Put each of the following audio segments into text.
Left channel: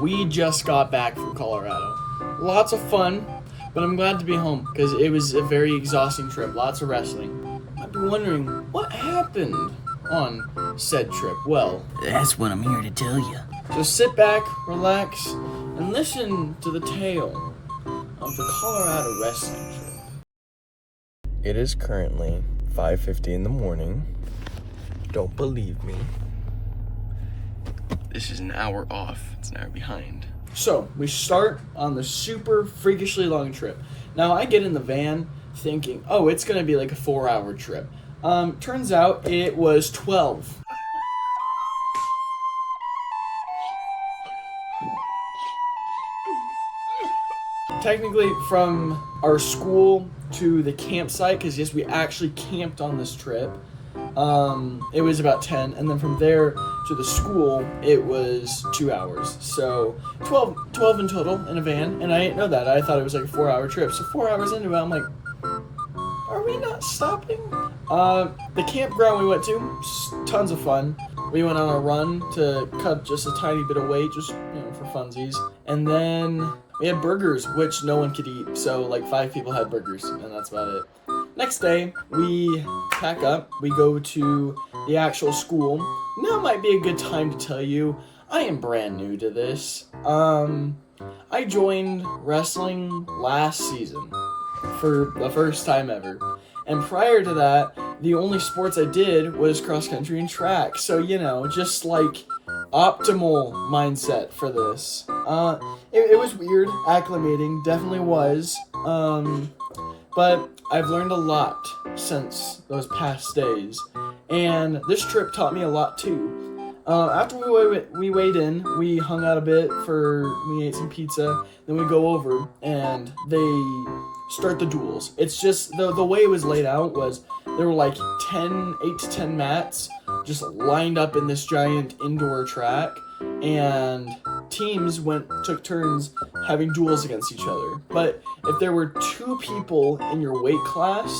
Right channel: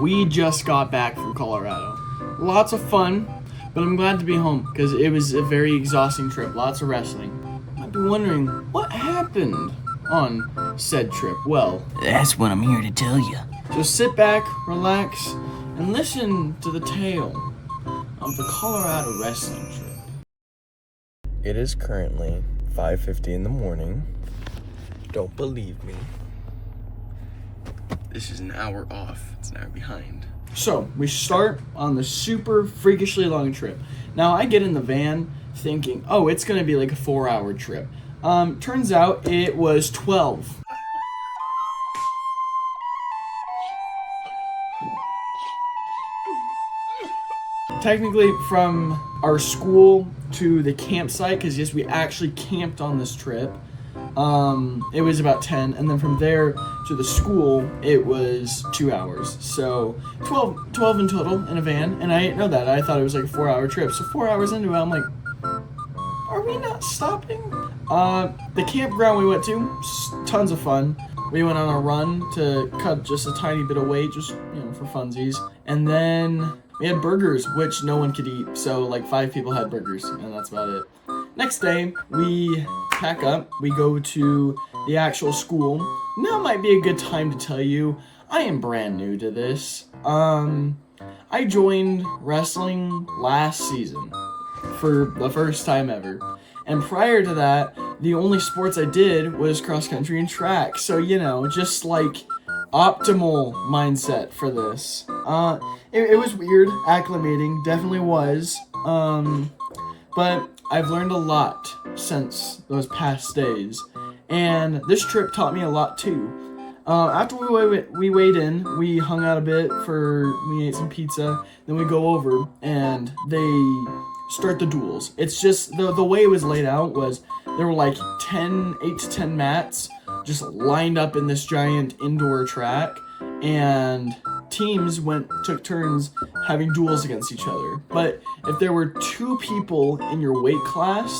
We just got back from Colorado. Lots of fun, but I'm glad to be home because it was a very exhausting trip. Lots of wrestling. I've been wondering what happened on said trip. Well, That's what I'm here to tell you. so sit back, relax, and listen to the tale of the Colorado wrestling trip. It is currently 5:50 in the morning. Don't believe me. This is an hour off. It's an hour behind. So, we start on the super freakishly long trip. Now, I get in the van thinking, oh, it's going to be like a 4-hour trip. Turns out it was 12. Technically, from our school to the campsite, because yes, we actually camped on this trip, it was about 10, and then from there to the school, it was 2 hours. So 12 in total in a van, and I didn't know that. I thought it was like a 4-hour trip. So 4 hours into it, I'm like, are we not stopping? The campground we went to, tons of fun. We went on a run to cut just a tiny bit of weight, just, for funsies. And then we had burgers, which no one could eat. So like 5 people had burgers, and that's about it. Next day, we pack up, we go to the actual school. Now might be a good time to tell you, I am brand new to this. I joined wrestling last season for the first time ever. And prior to that, the only sports I did was cross country and track. So, just like optimal mindset for this. It was weird acclimating, definitely was. But I've learned a lot since those past days, and this trip taught me a lot too. After we weighed in, we hung out a bit we ate some pizza, then we go over, and they start the duels. It's just, the way it was laid out was, there were like 8 to 10 mats just lined up in this giant indoor track, and teams took turns having duels against each other. But if there were 2 people in your weight class,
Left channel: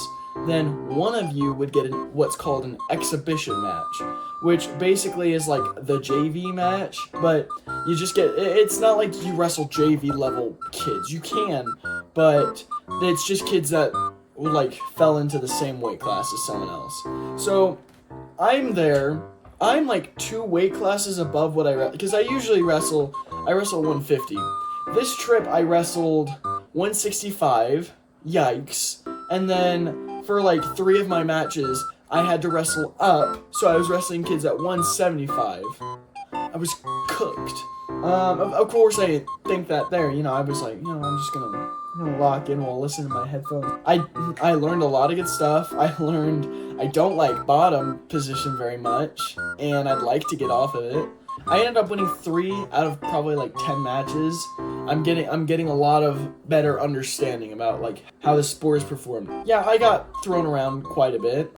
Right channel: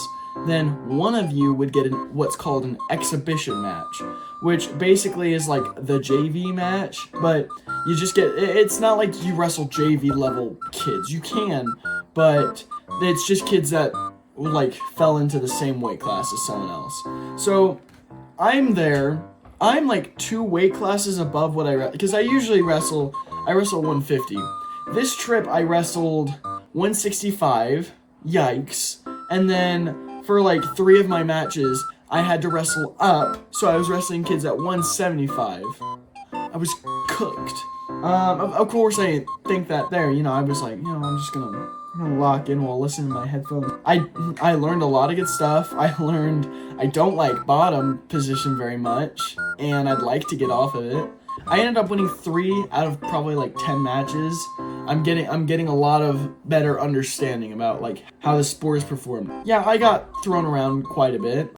then one of you would get what's called an exhibition match, which basically is like the JV match, but you just it's not like you wrestle JV level kids. You can, but it's just kids that fell into the same weight class as someone else. So I'm there. I'm like 2 weight classes above what because I usually wrestle 150. This trip I wrestled 165. Yikes. And then for like 3 of my matches, I had to wrestle up, so I was wrestling kids at 175. I was cooked. Of course I didn't think that there, I was like, I'm just gonna lock in while listening to my headphones. I learned a lot of good stuff. I learned I don't like bottom position very much, and I'd like to get off of it. I ended up winning 3 out of probably like 10 matches. I'm getting a lot of better understanding about like how the sport is performed. Yeah, I got thrown around quite a bit.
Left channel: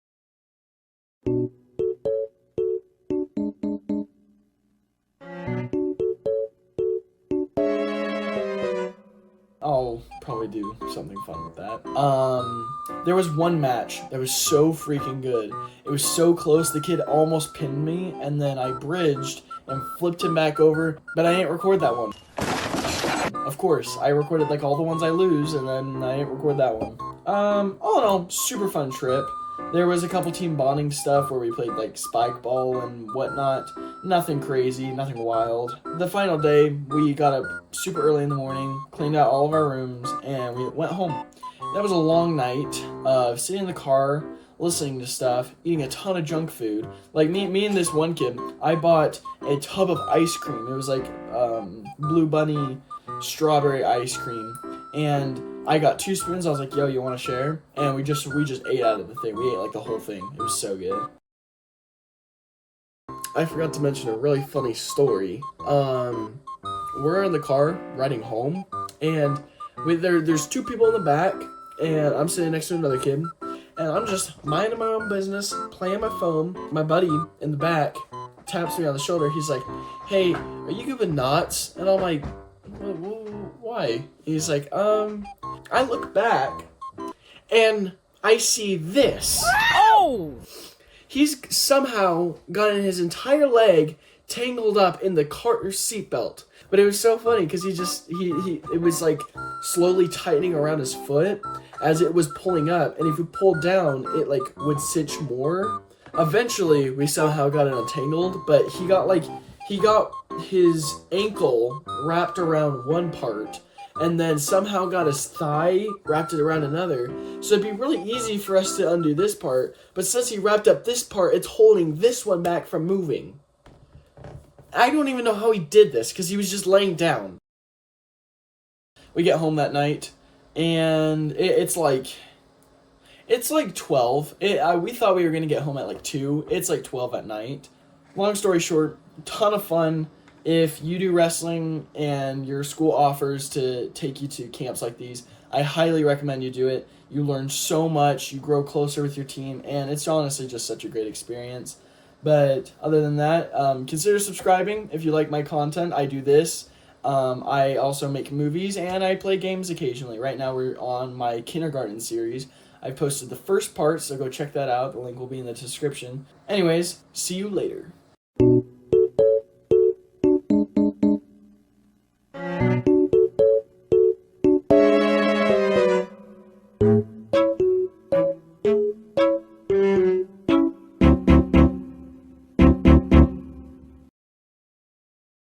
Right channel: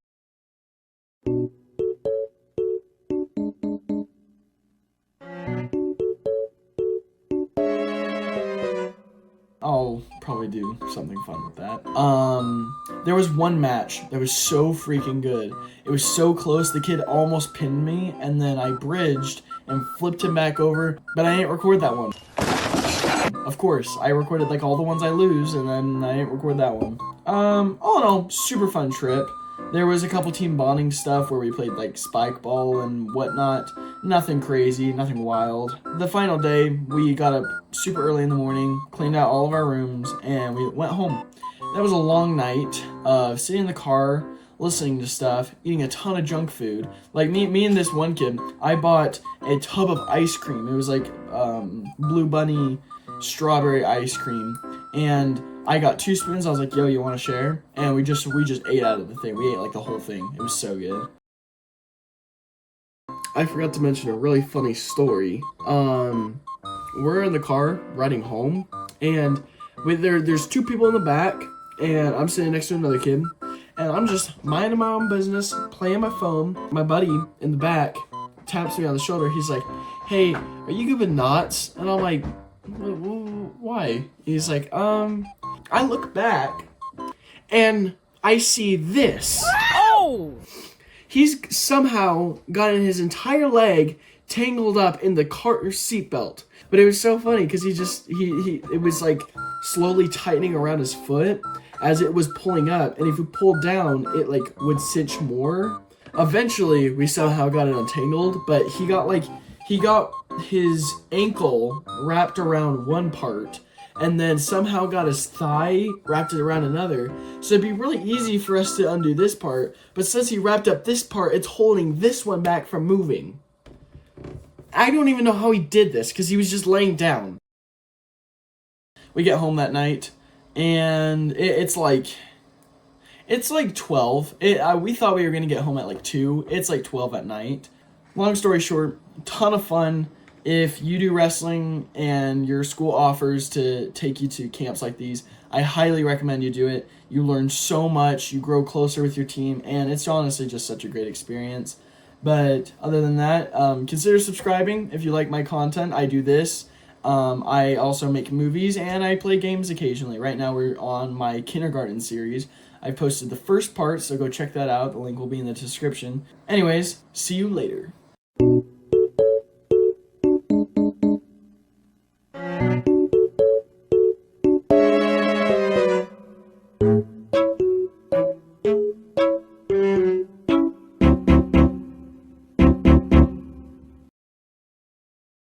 I'll probably do something fun with that. There was one match that was so freaking good. It was so close, the kid almost pinned me, and then I bridged and flipped him back over, but I didn't record that one. Of course, I recorded like all the ones I lose, and then I didn't record that one. All in all, super fun trip. There was a couple team bonding stuff where we played like spike ball and whatnot. Nothing crazy, nothing wild. The final day, we got up super early in the morning, cleaned out all of our rooms, and we went home. That was a long night of sitting in the car, listening to stuff, eating a ton of junk food. Like me and this one kid, I bought a tub of ice cream. It was like Blue Bunny strawberry ice cream, and I got 2 spoons. I was like, yo, you want to share? And we just ate out of the thing. We ate like the whole thing. It was so good. I forgot to mention a really funny story. We're in the car riding home, and there's 2 people in the back, and I'm sitting next to another kid, and I'm just minding my own business, playing my phone. My buddy in the back taps me on the shoulder. He's like, hey, are you good with knots? And I'm like, why? He's like, I look back, and I see this. Oh! He's somehow gotten his entire leg tangled up in the car seatbelt. But it was so funny because he it was like slowly tightening around his foot as it was pulling up, and if you pulled down, it like would cinch more. Eventually, we somehow got it untangled, but he got his ankle wrapped around one part, and then somehow got his thigh wrapped it around another. So it'd be really easy for us to undo this part, but since he wrapped up this part, it's holding this one back from moving. I don't even know how he did this, because he was just laying down. We get home that night, and it's like 12. We thought we were going to get home at like 2. It's like 12 at night. Long story short, ton of fun. If you do wrestling and your school offers to take you to camps like these, I highly recommend you do it. You learn so much, you grow closer with your team, and it's honestly just such a great experience. But other than that, consider subscribing if you like my content. I do this. I also make movies, and I play games occasionally. Right now we're on my kindergarten series. I posted the first part, so go check that out. The link will be in the description. Anyways, see you later.